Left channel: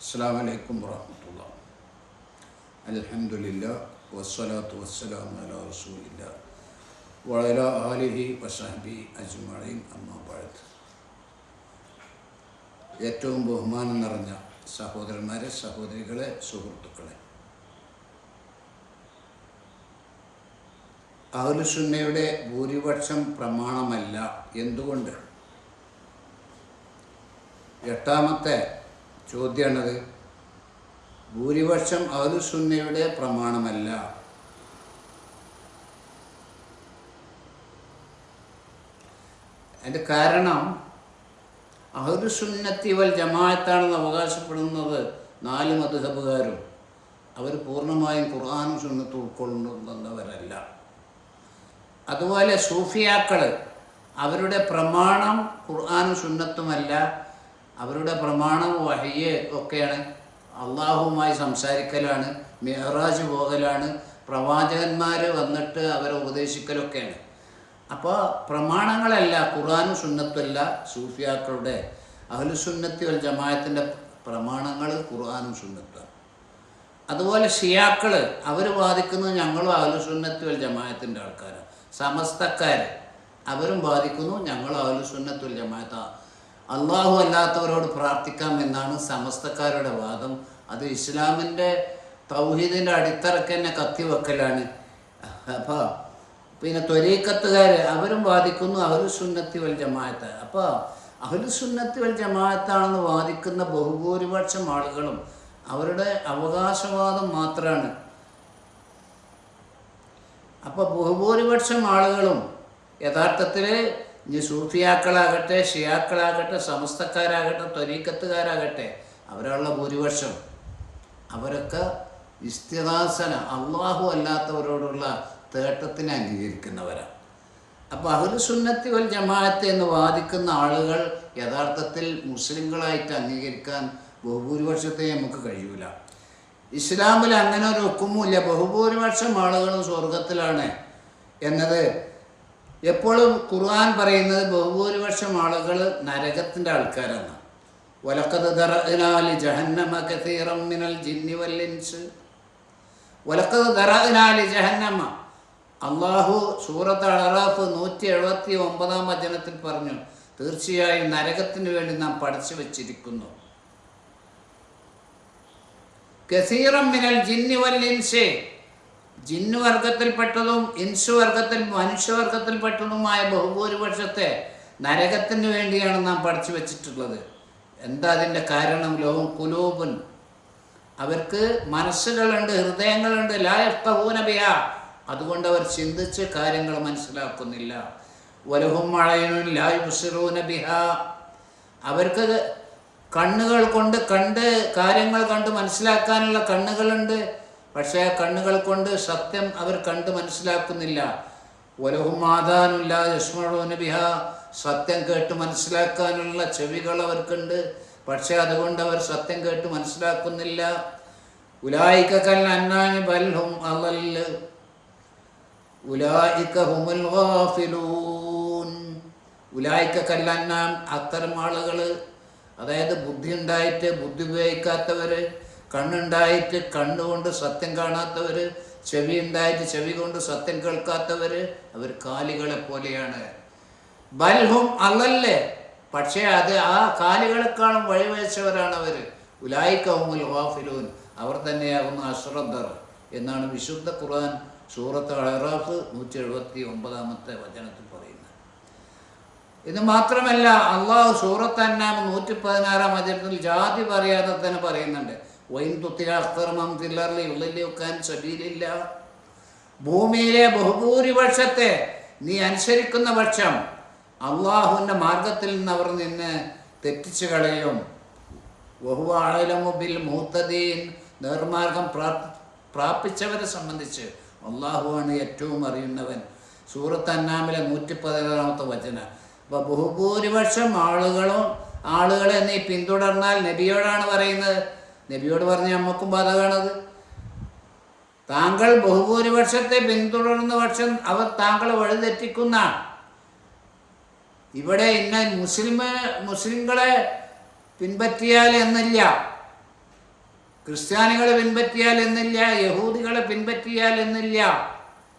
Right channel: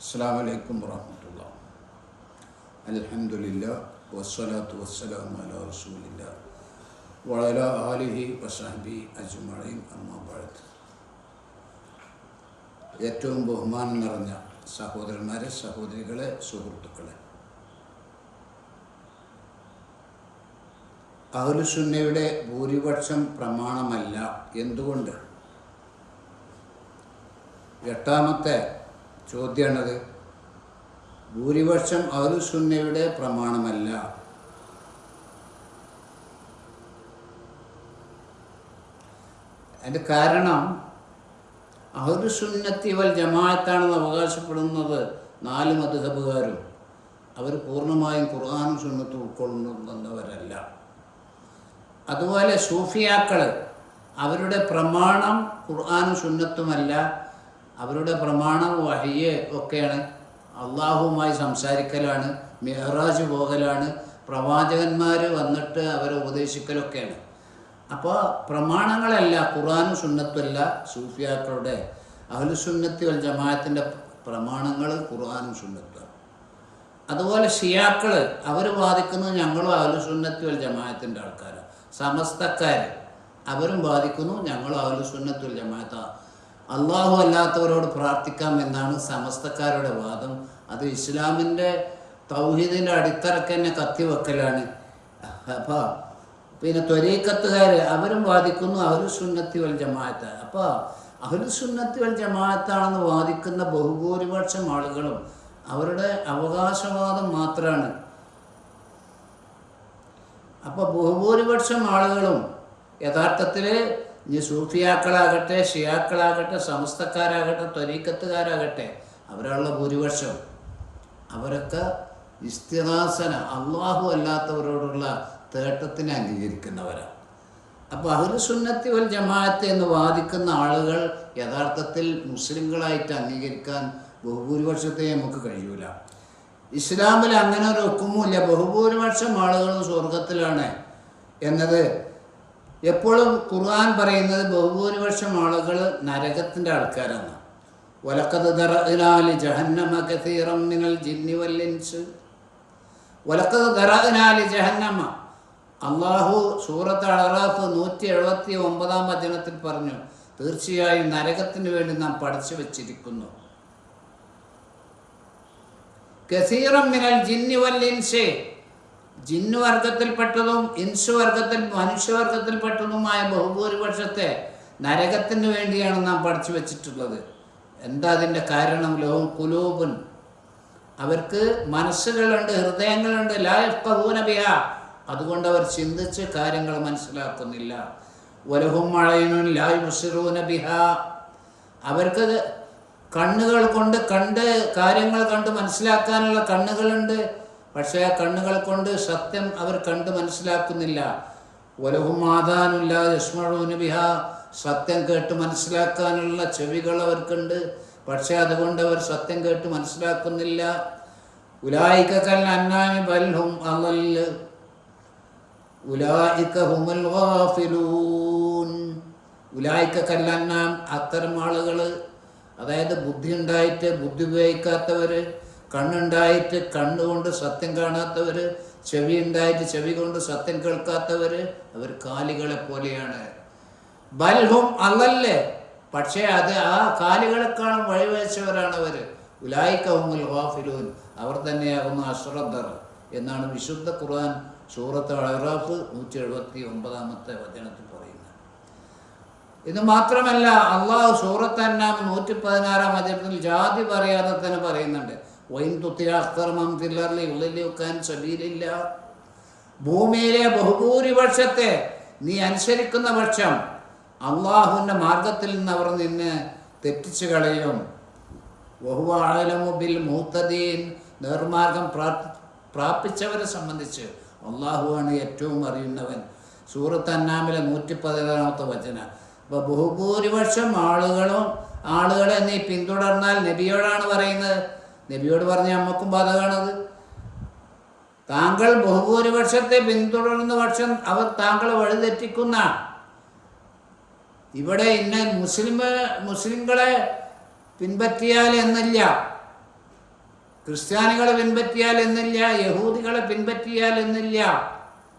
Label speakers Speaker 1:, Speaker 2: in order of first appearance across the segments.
Speaker 1: അസ്സാം വലൈക്കും വറഹമത്തുള്ള. അലഹമുല്ല വസ്സലാത്തു വസ്സലാം അല റസൂലില്ല. വളല ആലിഹി വസഹബി അജ്മഴീൻ അമ്മാബഴത്ത് ഏറ്റവും ബഹുമാനം നിറഞ്ഞ സഹോദരന്മാരെ സഹോദരികളെ സുഹൃത്തുക്കളെ. അഹ്ലുസുന്നയുടെ ഭൂരിപക്ഷം പ്രമാണമല്ല എന്തുകൊണ്ട്? എട്ടാമത്തെ ചോദ്യമാണത് ഭൂരിപക്ഷം സുന്നയുടെ പ്രമാണമല്ല. അതിന്റെ കാരണം അഹ്ലുസുന്നത്തി സുന്നത്തിവൽ ജമാഅത്താണെന്ന് അവകാശപ്പെടുന്നത് നാല് മധുഹബുകാരും അവർ പൂർണമായും ഖുർആാനും സുന്നത്തും ഉൾക്കൊള്ളുന്നവരല്ല. അതുപോലെ സൂഫിയാക്കൾ അവരുടെ പ്രമാണം ഖുർആാനും സുന്നത്തുമല്ല. അവരുടെ പ്രമാണം വഹിയ് ഒക്കെയാണ്. അള്ളാഹുവുമായി സംസാരിക്കലാണ് മെഹറാജ് പോകലാണ് പ്രവാചകന്മാർ വന്നിട്ട് അവരെ ഉപദേശിക്കലൊക്കെയാണ്. അപ്പോൾ പ്രമാണങ്ങളല്ല ഖുറാനും സുന്നത്തുമല്ല സൂഫിയാക്കളുടെ. അഹ്ലുസുന്നത്തി വൽ ജമാഅത്തിന്റെ പ്രമാണങ്ങൾ ഖുർആാനും സുന്നത്തുമാണ് അതുപോലെ ഷിയാക്കൾ അവർ വാദിക്കുന്നത് ഞങ്ങളും അഹ്ലുസുന്നത്തി വൽ ജമാഅത്തിന്റെ ആൾക്കാരാണ് സമസ്തക്കാർ അവരും ബാധിക്കുന്നു ഞങ്ങളും അഹ്ലുസുന്നത്തി വൽ ജമാഅത്ത. അള്ളാഹു അല്ലാത്തവരോട് പ്രാർത്ഥിക്കാം എന്നാണ് സമസ്തക്കാരുടെ വാദം. അത് ഇസ്ലാമിന്റെ തൗഹീദിന്റെ അടിത്തറക്ക് തന്നെ കത്തിവെക്കലാണ്. അപ്പോൾ പിന്നെ ത്വരീക്കത്തുകാർ അവരും വാദിക്കുന്നു അഹ്ലുസുന്നത്തി വൽ ജമാഅത്ത്. അപ്പോൾ സുന്നത്തി വൽ ജമാഅത്താണെന്ന് വാദിക്കുന്ന ബഹുഭൂരിപക്ഷം ആളുകളും അവരുടെ അവകാശവാദം മാത്രമാണ് അപ്പോൾ ബഹുഭൂരിപക്ഷം ആളുകളും യഥാർത്ഥത്തിൽ ഇനി സൂഫിയാക്കളാകട്ടെ ഷിയാക്കളാകട്ടെ സമസ്തക്കാരാകട്ടെ ത്വരീക്കത്തുകാരാകട്ടെ അവരുള്ള ഭൂരിപക്ഷം. അവരൊക്കെ ഇസ്തിഹാസന അള്ളാഹു അല്ലാത്തവരോടുള്ള തേട്ടത്തിനെ അംഗീകരിക്കുന്നവരാണ്. അപ്പോൾ അഹ്ലു സുന്നത്തി വൽ ജമാഅത്ത് എന്ന് വാദിക്കുന്ന ആളുകൾ യഥാർത്ഥത്തിൽ മുസ്ലിങ്ങളായിട്ട് അംഗീകരിക്കാൻ ബഹുഭൂരിപക്ഷത്തെ നമുക്ക് കഴിയൂല. ഇസ്ലാമിൽ അങ്ങനെ ഒരു ഒക്കുമില്ല ബഹുഭൂരിപക്ഷം ആളുകളും സ്വർഗത്തിലാണ് എന്നത് എപ്പോഴും ഖുർആൻ പറയുന്നത് ബഹുഭൂരിപക്ഷം ആളുകൾ നരകത്തിന്റെ ആൾക്കാരാണ്. ഒലക്കത് ദറഇനാലി ജഹന്നമ കസീറം മിനൽ ജിന്നി വല്ലിൻസ് ഒലക്കത് ദറഇനാലി ജഹന്നമ. അള്ളാഹു സൂറത്ത് അളറാഫ് നൂറ്റി എഴുപത്തി ഒമ്പതാം വചനത്തിൽ പറഞ്ഞു തീർച്ചയായും നരകത്തിന് വേണ്ടി നാം പഠിച്ചു വച്ചിരിക്കുന്നു. കസീറം മിനൽ ജിന്നി വല്ലിൻസേ ജിന്നു ഇൻസുവർഗത്തിൽ ഇൻസു വർഗത്തിൽ മനുഷ്യവർഗത്തിൽപ്പെട്ടതുമായ ബഹുഭൂരിപക്ഷത്തെ നരകത്തിന് വേണ്ടിയാണ് നാം പഠിച്ചു വച്ചിട്ടുള്ളത്. എന്താ അതിന്റെ കാരണം? ലോകം കുലൂപൻ അവർക്ക് മനസ്സുകളുണ്ട് ഹൃദയങ്ങളുണ്ട്. ലായഫൂനബിയ അതുകൊണ്ട് അവർ ചിന്തിച്ച് കാര്യങ്ങൾ മനസ്സിലാക്കുന്നില്ല. ഒലഹും മഴയനും ലായ് അവർക്ക് കണ്ണുകൾ കൊണ്ട് കണ്ട് കാര്യങ്ങൾ കണ്ട് മനസ്സിലാക്കാനുള്ള കണ്ണുകളുണ്ട്. പക്ഷേ കണ്ണുകൾ കൊണ്ട് സത്യം അവർ കണ്ട് മനസ്സിലാക്കുന്നില്ല. ഒലഹും മാതാനുല്ല യസ്മഴൂന ബിഹ. സത്യം കേട്ട് മനസ്സിലാക്കാനുള്ള ചെവികൾ അവർക്കുണ്ട് പക്ഷേ അതുകൊണ്ട് അവർ സത്യം കേട്ട് മനസ്സിലാക്കുന്നില്ല. ഉലായിക്കൽ അന്നാനി ബൽഹും അലല് ഉലായിക്ക ഗാഫിലൂൻ. അത്തരം ആളുകൾ അതായത് ബുദ്ധി ഉണ്ടായിട്ട് ബുദ്ധി ഉപയോഗിക്കാത്തവർ കണ്ണുണ്ടായിട്ട് കണ്ണുകൊണ്ട് സത്യം കാണാത്തവർ ചെവി ഉണ്ടായിട്ട് ചെവി കൊണ്ട് സത്യം കേൾക്കാത്തവർ അവർ കാലികളെ പോലെയാണ്. ബൽഹും അല്ലല്ലേ പക്ഷേ അത് ആ കാലികളെക്കാളും വഴിവെച്ചവരാണ് അവർ ഉലായിക്കവുമുൽ വാഫിലൂൻ അവർ തന്നെയാകുന്ന അശ്രദ്ധർ എന്നാണ് വിശുദ്ധ ഖുർആൻ സൂറത്ത് അഴറാഫ് നൂറ്റി എഴുപത്തി ഒമ്പതാമത്തെ വചനത്തിൽ പറയുന്നത്. ഇത് മാത്രമല്ല അള്ളാഹു സൂറത്ത് അന്നാം നൂറ്റി പതിനാറാം വചനത്തിൽ ജാതി പറയാതെ തന്നെ പറയുന്നുണ്ട്. വൈൻ തില്ലറിലെ ഉള്ളിൽ വെക്കാൻ സബീലില്ല. ഭൂമിയിലെ ബഹുഭൂരിപക്ഷത്തെ നീ അനുസരിക്കുന്ന പക്ഷം അള്ളാഹുവിന്റെ മാർഗത്തിൽ നിന്ന് അവർ നിന്ന് തെറ്റിച്ചു കളയും. ബഹുവാഴലമുബിൽ മൂത്തദീൻ നേർമാർഗം പ്രാപിച്ചവരെ സംബന്ധിച്ച് അള്ളാഹുവാണ് ഏറ്റവും അറിയുന്നവൻ. സൂറത്ത് അന്നാമിലെ നൂറ്റി പതിനാറാമത്തെ വചന. അപ്പോൾ ബഹുഭൂരിപക്ഷം ആളുകളും ആളുകളെ നീ പിന്തുടർന്നാൽ നബിയോടാണ് പറയുന്നത് നബിയോട് പറഞ്ഞ അമ്മക്കും ബാധകമാണത് താങ്കൾ ബഹുഭൂരിപക്ഷത്തെ പിന്തുടരുന്ന പക്ഷം അവർ താങ്കളെ വഴിതെറ്റിക്കുന്ന ഇവിടെ ഇന്ന മുസ്ലിം മുസ്ലിങ്ങളെ പിൻപറ്റിയാൽ എന്നില്ല ക്രിസ്ത്യാനികളെ പിൻപറ്റിയാൽ എന്നില്ല യഹൂദികളെ പിൻപറ്റിയാൽ എന്നില്ല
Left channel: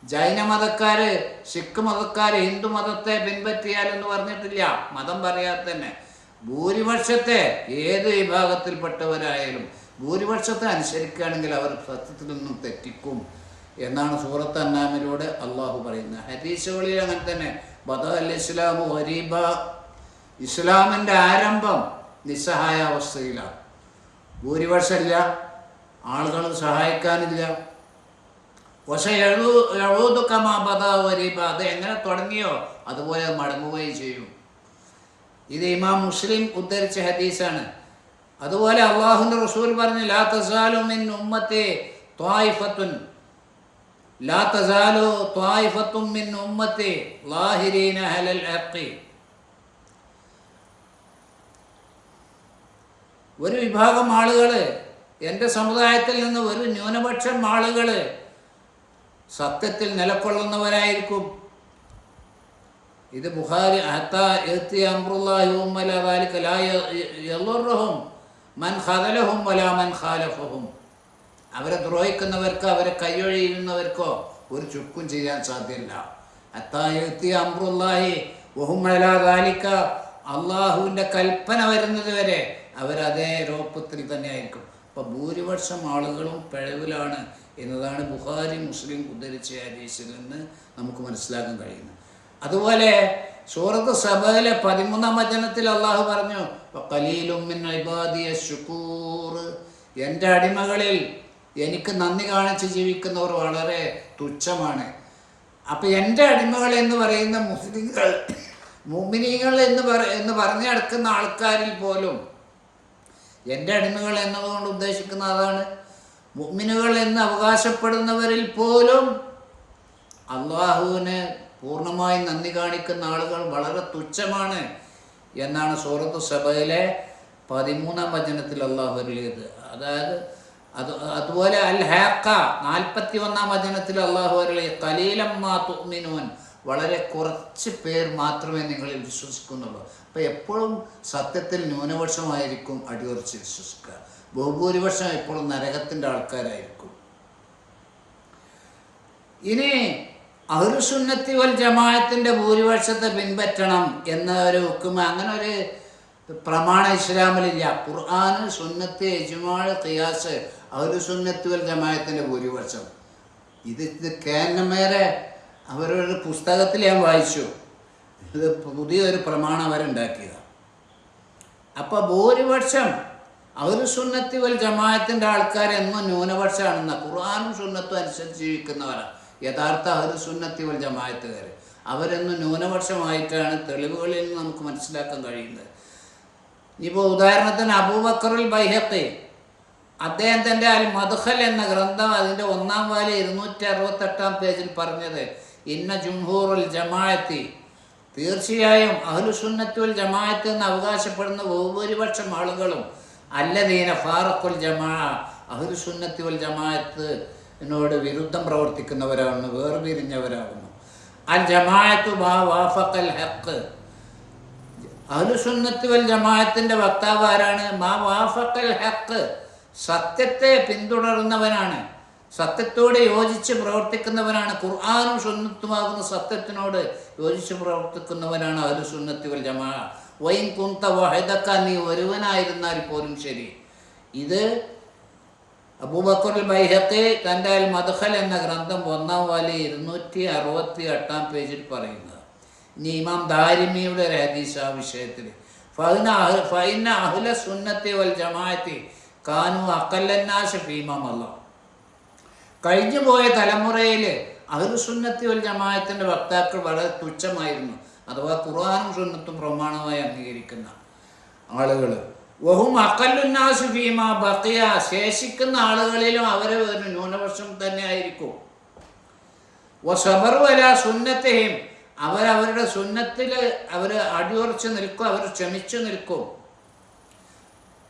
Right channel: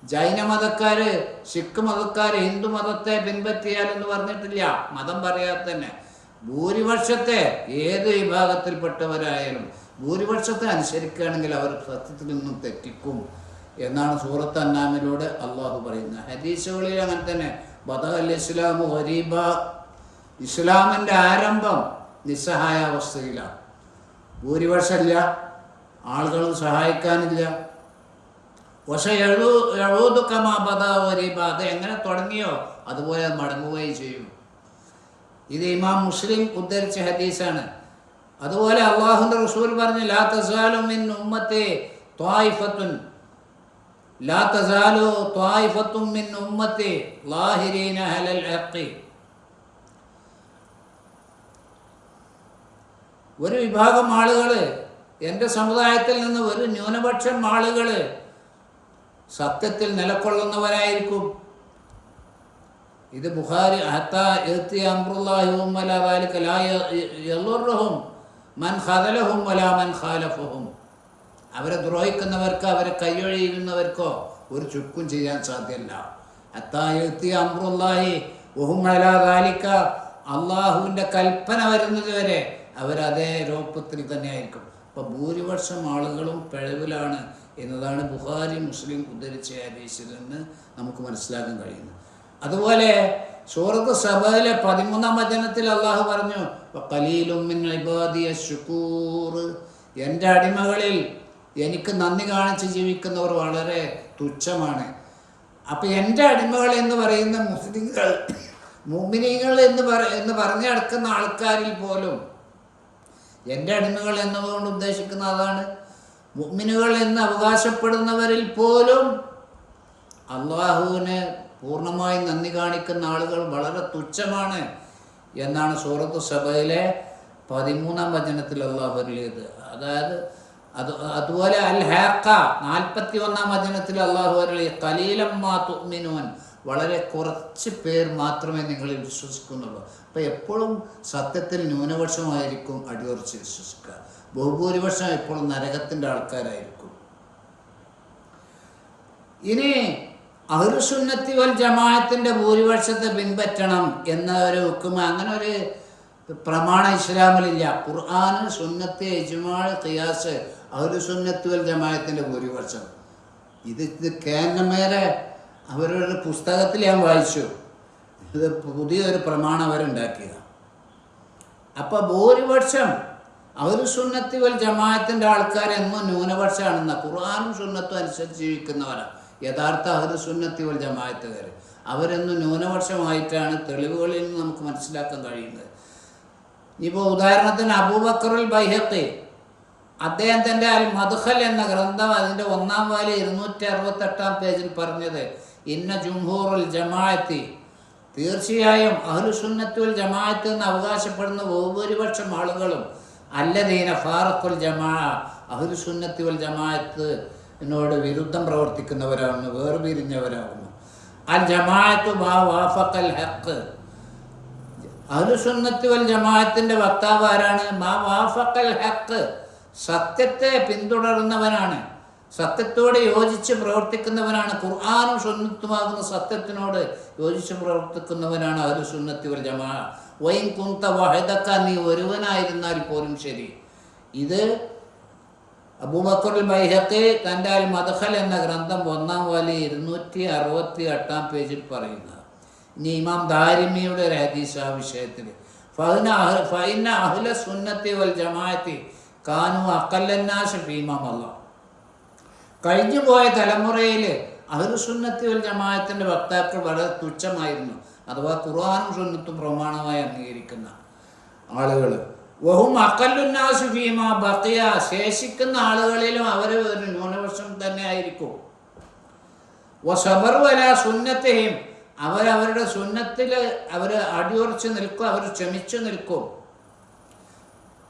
Speaker 1: ജൈന മതക്കാര് സിഖ് മതക്കാര് ഹിന്ദു മതത്തെ പിൻപറ്റിയാൽ എന്ന് പറഞ്ഞിട്ടില്ല. മതം പറയാതെ തന്നെ ഭൂരിപക്ഷത്തെ ഏത് വിഭാഗത്തിൽപ്പെട്ടവരായാലും ഭൂരിപക്ഷത്തെ അനുസരിക്കുകയാണെങ്കിൽ അവർ സത്യത്തിൽ നിന്നും തെറ്റിക്കും എന്നാണ് സൂറത്ത് അന്നാമിലൂടെ അള്ളാഹു പറയുന്നത്. ഹദീസുകളിൽ അങ്ങനെ തന്നെ ബദ അൽ ഇസ്ലാമു വരീബ ഇസ്ലാമിന്റെ ആരംഭം നിസ്സഹായ അവസ്ഥയിലാണ്. ഭൂരിപക്ഷമില്ല ആളുകൾ സഹായിക്കാനില്ല. പക്ഷെ എഴു എഴുതുക്കമാ ബദ ഹരീബ അത് എങ്ങനെ തുടങ്ങിയോ അതുപോലെ മടങ്ങുകയും ചെയ്യും. ഇത് ഇമാം മുസ്ലിം ഉദ്ധരിച്ച ഹദീസാണ്. അതുപോലെ അള്ളാഹുന്റെ റസൂൽ പറഞ്ഞു ലാ തസാലു മിൻ ഉമ്മത്തെ ത്വായിഫത്തുൻ. ലാ തസാലു ത്വായിഫത്തും മിൻ ഉമ്മത്തെ ലാഹിരീന ഹലൽ ഹഖി. ഒരു വിഭാഗം ആളുകൾ എന്റെ സമുദായത്തിൽ നിന്ന് ഒരു ന്യൂനപക്ഷം ആളുകൾ സത്യത്തിൽ നിലകൊള്ളുന്നവരായിരിക്കും ഇത് ബുഹാരി ഹത്താ എത്തി അമ്രുല്ലാഹി ഉമ്മല ദാലിക ലാ യളുറുഹും മൻ ഖദലഹും വലാ മൻ ഖാലഫഹും. അവരെ ദ്രോഹിക്കുന്നവർക്കോ അവരെ കൈയൊഴിയുന്നവർക്കോ ഒരു ചുക്കും ചെയ്യാൻ സാധ്യമല്ല ഹത്താ അമ്രുല്ലാഹി ദാലിക. അള്ളാഹുവിന്റെ കൽപ്പന വരുന്നത് വരെ അവരതേ രൂപത്തിൽ തന്നെ ആയിരിക്കും അപ്പം ഭൂരിപക്ഷം ആളുകളും പിഴവിലാണ് എന്നതാണ് ബുഹാരി മുസ്ലിം ഉദ്ധരിച്ച ഹദീസിൽ നിന്ന് നമുക്ക് മനസ്സിലാക്കാൻ കഴിയുന്നത്. അതുപോലെ സൂറത്ത് സബയിലെ പതിമൂന്നാം വചനത്തിൽ അള്ളാഹു പറഞ്ഞു എന്റെ അടിമകളിൽ എനിക്ക് നന്ദി കാണിച്ച് ജീവിക്കുന്നവർ വളരെ തുച്ഛമാണ്. അപ്പൊ എന്റെ അടിമകൾ എന്ന് പറയുന്ന മുസ്ലിങ്ങൾ മുമിനികൾ എന്ന് പറ എന്ന് പറഞ്ഞു നടക്കുന്ന ആൾക്കാരിൽ പോലും എന്റെ അടിമകൾ എന്നതുകൊണ്ട് ഉദ്ദേശിക്കുന്ന അതാണ്. മുമിനുകൾ എന്ന് അവകാശപ്പെടുന്നവരിൽ പോലും അള്ളാഹുവിന് പൂർണമായി നന്ദി കാണിക്കുന്ന ആളുകൾ വളരെ തുച്ഛമാണ് എന്നാണ് സൂറത്ത് സഭയിലെ പതിമൂന്നാം വചനത്തിൽ അള്ളാഹു അരുളിയത്. അതായത് അത് അതുപോലെ അൽ ഹാക്ക നാൽപ്പത്തി ഒന്നാം വചനത്തിൽ അള്ളാഹു അരുളി കലീലമ്മാ തുമിനുവൻ വളരെ കുറച്ച് പേർ മാത്രമേ നിങ്ങളിൽ വിശ്വസിക്കുന്നുള്ളൂ. അപ്പം എപ്പോഴും സത്യത്തിൽ ന്യൂനപക്ഷമായിരിക്കും അടിയുറച്ച് വിശ്വസിക്കുക. ബഹുഭൂരിപക്ഷം എപ്പോഴും നരകത്തിന്റെ ആൾക്കാരായിരിക്കും. ഇനി അഹുറുസുന്നത്തി വൽ ജമാഅത്തിന്റെ ഭൂരിപക്ഷത്തെ പിൻപറ്റണം എന്ന ഒരു ഹുക്കുമ അങ്ങനെ ഒരു പ്രമാണം ഇസ്ലാമിലില്ല. ഖുർആൻ സുന്നത്ത് യജുമാൾ ഖിയാസ് അഹുറുസുന്നത്തി വൽ ജമാഅത്തിന്റെ ഭൂരിപക്ഷം. ഇത് ഇത് കേന്ദ്രമേരെ അവരുടെ പുസ്തകത്തിൽ ഞാൻ വായിച്ചു. ഇത് പുതിയൊരു പ്രമാണം അവരുണ്ടാക്കിയതാണ് അപ്പോൾ ഭൂരിപക്ഷം അവർ സുന്നത്തി വൽ ജമാഅത്തിന്റെ ആൾക്കാരെന്നും ന്യൂനപക്ഷമാണെന്ന ഖുർആാനും സുന്നത്തും അനുസരിച്ച് ജീവിക്കുന്നവരാണ് യഥാർത്ഥ അവർ സുന്നത്തി വൽ ജമായത്തുകാർ അവരെന്നും ന്യൂനപക്ഷമായിട്ടാണ് തെളിവുകളിൽ നിന്ന് നമുക്ക് മനസ്സിലാക്കാൻ കഴിയുന്നത്. ഇപ്പോൾ ഉദാഹരണത്തിന് അബൂബക്കറുൽ ബൈഹത്തെ അദ്ദേഹം തന്റെ അൽ മധുഹൽ എന്ന ഗ്രന്ഥം അതിന്റെ ഒന്നാം വാലി ഇരുന്നൂറ്റി അറുപത്തെട്ടാം പേജിൽ പറഞ്ഞത് ഇന്ന ജുംഹൂറുൽ ജമാഅത്തി. തീർച്ചയായും അഹ്ലുസുന്നത്തുൽ ജമാഅത്ത് എന്ന് അവകാശപ്പെടുന്ന ബഹുഭൂരിപക്ഷം ആളുകളും അല്ലദീന ഫാറക്കുൽ ജമാ അഹ്ലുസുന്നത്തുൽ ജമാഅത്ത് എന്നോട് വിരുദ്ധം പ്രവർത്തിക്കുന്നവരാകുന്നു വേർപിരിഞ്ഞവരാകുന്നു. അൽ ജമാഅത്തു വാഫഖൽ ഹഖ്. അഹ്ലുസുന്നത്തി വൽ ജമാഅത്തിന്റെ വക്താവ് ആരാണ്? മാ വാഫക്കൽ ഹക്ക് സത്യത്തെ പിന്തുടരുന്നവനാണ് സത്യത്തോട് യോജിച്ച് പ്രവർത്തിക്കുന്നവനാണ്. ഖുർആാനും സുന്നത്തുമാകുന്ന സത്യത്തിനോട് യോജിച്ച് പ്രവർത്തിക്കുന്നവനാണ് അഹ്ലു സുന്നത്തി വൽ ജമാ. വൈൻ കുന്ത വഹദക്ക നീ ഒരുവനായിരുന്നാൽ പോലും ശരി. ഇത് അബൂബക്കറുൽ ബൈഹക്കി തന്റെ അൽ മദ്ഖൽ എന്ന ഗ്രന്ഥം ഒന്നാം വാലി ഇരുന്നൂറ്റി അറുപത്തി എട്ടാം പേജിൽ പറയുന്നത് ഇനി ഇമാം ദാരിമിയുടെ ഒരു ഹദീസ് ആ വിഷയത്തിൽ. സുന്നത്തി വൽ ജമാഅത്തി കാനു കഴിഞ്ഞു പോയ തലമുറയിൽ അഹ്ലുസുന്നത്തി വൽ ജമാഅത്തിന്റെ വക്താക്കൾ വളരെ തുച്ഛമായിരുന്നു. അഥവാ ഖുർആാനും സുന്നത്തും പ്രമാണമായി അംഗീകരിക്കുന്ന ആളുകൾ വഹും അക്കല്ലുന്നാസ് ഫീമ ബക്കിയ ശേഷിക്കുന്ന ആളുകളിലും അവർ ഒരു ന്യൂനപക്ഷം തന്നെ ആയിരിക്കും. വസബറുവല സുന്നത്തെയും അവരവരുടെ സുന്നത്തിൽ അവർ അടിയുറച്ച് നിൽക്കും അവർ ക്ഷമിച്ചു നിൽക്കും.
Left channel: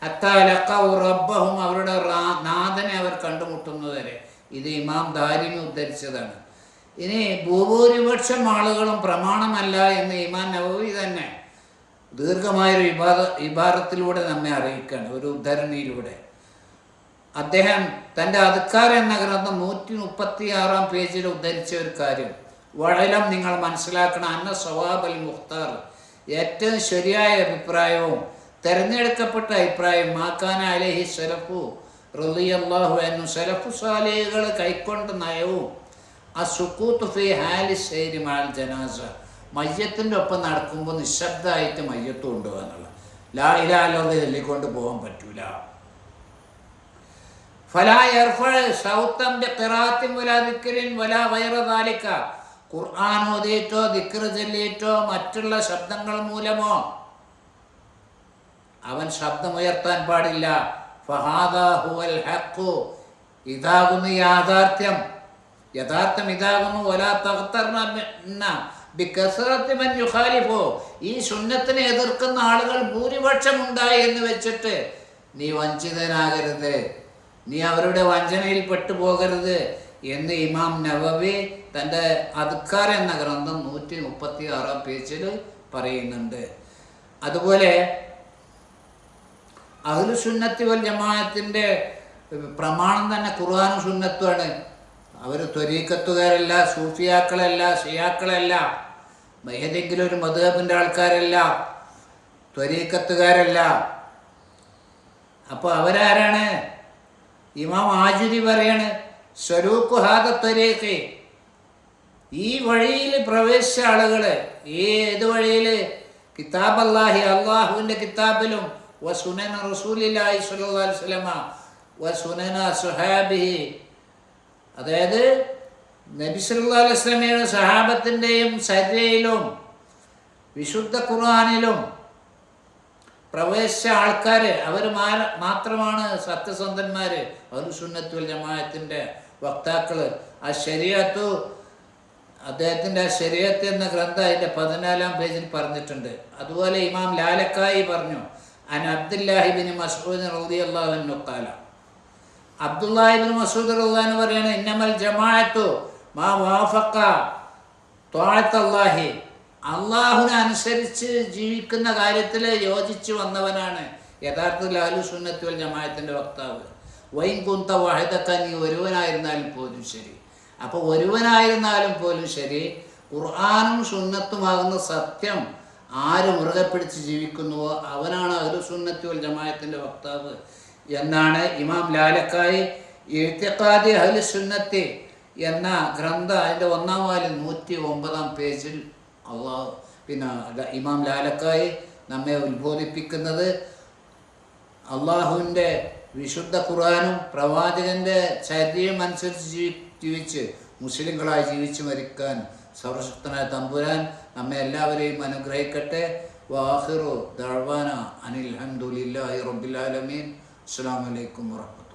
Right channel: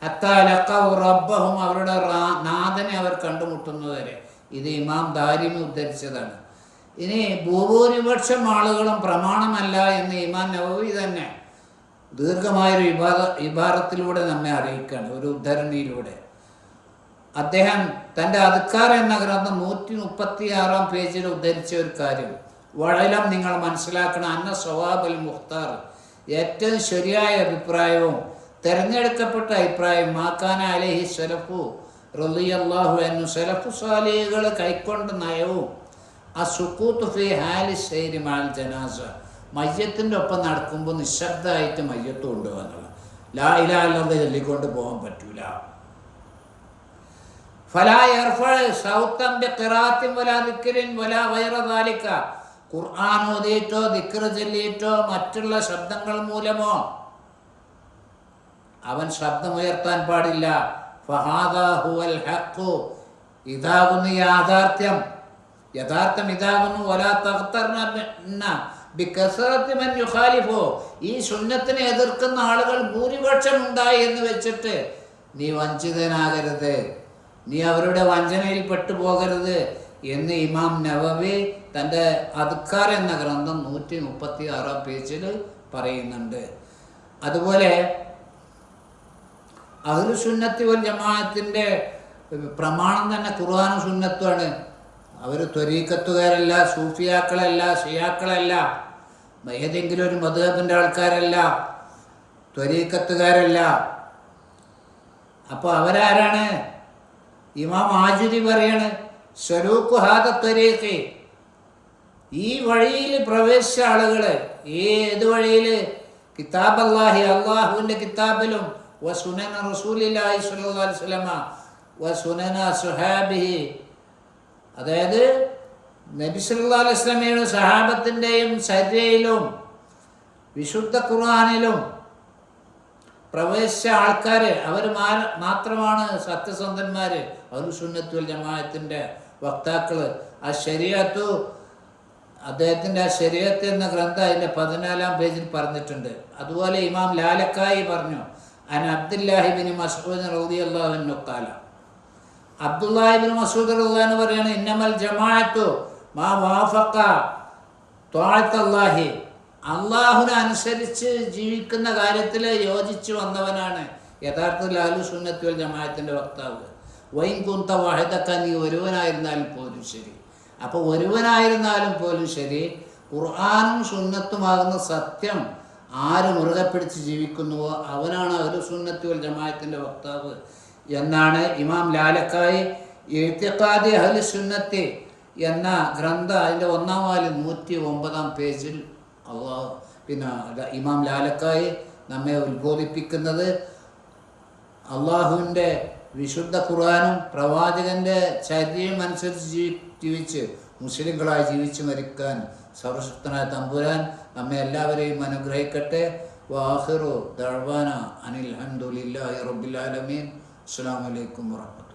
Speaker 1: ഹത്താലക്കവും റബ്ബഹും അവരുടെ നാഥനെ അവർ കണ്ടുമുട്ടുന്നതുവരെ. ഇത് ഇമാം ദാരിമി ഉദ്ധരിച്ചതാണ്. ഇനി ഭൂഭൂരിപക്ഷം ആളുകളും പ്രമാണമല്ല എന്ന് ഇമാം നവവി തന്നെ ദീർഘമായൊരു വിഭാഗ വിഭാഗത്തിലൂടെ നമ്മെ അറിയിക്കുകയാണ് ഒരു ഉദ്ധരണിയിലൂടെ. അദ്ദേഹം തന്റെ അധികാര എന്ന ഗ്രന്ഥം നൂറ്റി മുപ്പത്തി ആറാം പേജിൽ ഉദ്ധരിച്ച ഒരു കാര്യം. വളരം നിങ്ങൾ മനസ്സിലാക്കണം അന്ന സ്വവാബൽ മുഖ്താർ ഏറ്റവും ശരിയായ അഭിപ്രായവും തിരഞ്ഞെടുക്കപ്പെട്ട അഭിപ്രായം മാക്കാന അലഹി സലഫു റലിയല്ലാഹു എന്നു സലഫു സാലികൾ കൈക്കൊണ്ട നയവും ആ സുക്കൂത്ത് ഫി ഹാലി ശൈരി മാൽ ജനാസ. മയ്യത്തിന്റെ ഒപ്പം നടക്കുമ്പോൾ നിശബ്ദമായിട്ട് മയ്യത്ത് കൊണ്ടുപോകാന്നുള്ളത് ലാ ഇലാ അല്ലാതെ ചൊല്ലിക്കൊണ്ട് പോകാൻ പറ്റൂല. ഖുർആൻ ഓതിയിട്ടോ ദിക്ർ ചൊല്ലിയിട്ടോ മറ്റുള്ള ശബ്ദങ്ങൾ മൂലമോ? അവൻ ശബ്ദമുയർത്താൻ പാടില്ല. ഇതാകുന്നു യാഥാർത്ഥ്യം. യഥാർത്ഥം ഇതാകുന്നു വലാ തഖ്തർന ബികസറത്തി മൻ യുഖാലിഫു. ഈ സുന്നത്തിനെ എതിർക്കുന്ന ആളുകൾ ഭൂരിപക്ഷം ഉണ്ടായി എന്ന് വെച്ചിട്ട് നീ വഞ്ചിതനാകരുത്. നീ അവരുടെ വഞ്ചനയിൽ പെട്ടുപോകരുത് എന്ന് ഇമാം നവവി തന്റെ അദ്ക്കാർ എന്ന ഗ്രന്ഥം നൂറ്റി മുപ്പത്തി ആറാം പേജിൽ പറയുന്നുണ്ട്. അതുപോലെ അഹ്ലു സുന്നത്തി വൽ ജമാഅത്തിന്റെ പ്രമാണം തന്നെ ഖുർആാനും സുന്നത്തുമാണ് അവർ ത്വരീക്കത്തുകാരല്ല സൂഫിയാക്കളല്ല ഷിയാക്കളല്ല ഏതെങ്കിലും ഒരു മധുഹബിന്റെ ആൾക്കാരല്ല ത്വരീക്കത്തുകാരല്ല. അപ്പോൾ അവരാരാണ്? ഇമാം ആജുരി പറയാണ് സ്വരൂപ്പ് ഹാദ ത്വരീഖ്. ഈ വഴിയിൽ പ്രവേശിച്ച ആളുകൾ ഏത് വഴിയിൽ കിതാബ് അള്ളാഹി അള്ളാഹുവിന്റെ കിതാബിലും വ സുനന റസൂലില്ലാഹി വസല്ലമ വ സുനന സുഹാബിഹി അതായത് നബി സല്ലല്ലാഹു അലൈഹി വസല്ലമയുടെ സഹാബത്തിന്റെയും ചര്യയിലും വിശുദ്ധ ഖുർആാനിലും പ്രവേശിച്ച ആൾക്കാർ അവർ മാത്രമാണ് സത്യസന്ധന്മാർ സുന്നത്തുൽ ജമാഅത്തിന്റെ വക്താക്കൾ ആ ശരിയത്തു അദ്ദേഹത്തിന്റെ ആ ശരീരത്ത് എന്ന ഗ്രന്ഥം അതിന്റെ പതിനാലാം പേജിൽ പറഞ്ഞിട്ടുണ്ട്. അതുപോലെ ഇമാം ലാലക്കായി പറഞ്ഞു അൻ അബ്ദുല്ലാഹിബിൻ മസൂദ് റൗദി അള്ളാഹുവിനു കാല അബ്ദുല്ലാഹിബിൻ മസൂദ് റഹ്ലാന്ന് പറയാണ് ഇന്നമൽ ജമാഅത്തു മാ വാഫക്ക അള്ളാഹുനെ അനുസരിച്ച് ജീവിക്കുന്ന കാര്യത്തിൽ യോജിച്ച് വന്നവനാണ് യഥാർത്ഥത്തിൽ അഹ്ലു സുന്നത്തി വൽ ജമാഅത്തിന്റെ വക്താവ്. വൈൻ കുന്ത വാഹിദക്ക നീ ഒരുവനായിരുന്നാലും പോലും ശരി. അപ്പോൾ ഒരുവനായിരുന്നാലും പോലും ശരി ഖുർആാനും സുന്നത്തുമാകുന്ന സത്യം ആര് മുറുകെ പിടിച്ച് ജീവിക്കുന്നുവോ അവനാണ് അഹ്ലു സുന്നത്തി ജമാഅത്തിന്റെ വക്താവ്. എന്നാണ് ഇമാം ലാലക്കായി എഴുത്തിക്കാതി അഹ്ലു സുന്നത്തി എന്ന ഗ്രന്ഥ അതിന്റെ ഒന്നാം വാൽ നൂറ്റി ഒമ്പതാം പേജിൽ അള്ളാഹ് പിന്നെ ഇമാം ലാലക്കായി നമ്മെ ഉത്ബോധിപ്പിക്കുന്നത്. അള്ളാഹുവിന്റെ വിശുദ്ധ ഖുർആാനും പ്രവാചകന്റെ ചര്യയും അനുസരിച്ച് ജീവി ജീവിച്ച് മുസ്ലിങ്ങളായി ജീവിച്ച് മരിക്കാൻ സർവശക്തനായ തമ്പുരാൻ നമ്മെ എല്ലാവരെയും അനുഗ്രഹിക്കട്ടെ. വാഹിറു ദഴവാന അനിൽ ഹംദുലില്ലാഹി റബ്ബിൽ ആലമീൻ. അസ്സലാമു അലൈക്കും വറഹ്മത്തുള്ളാഹി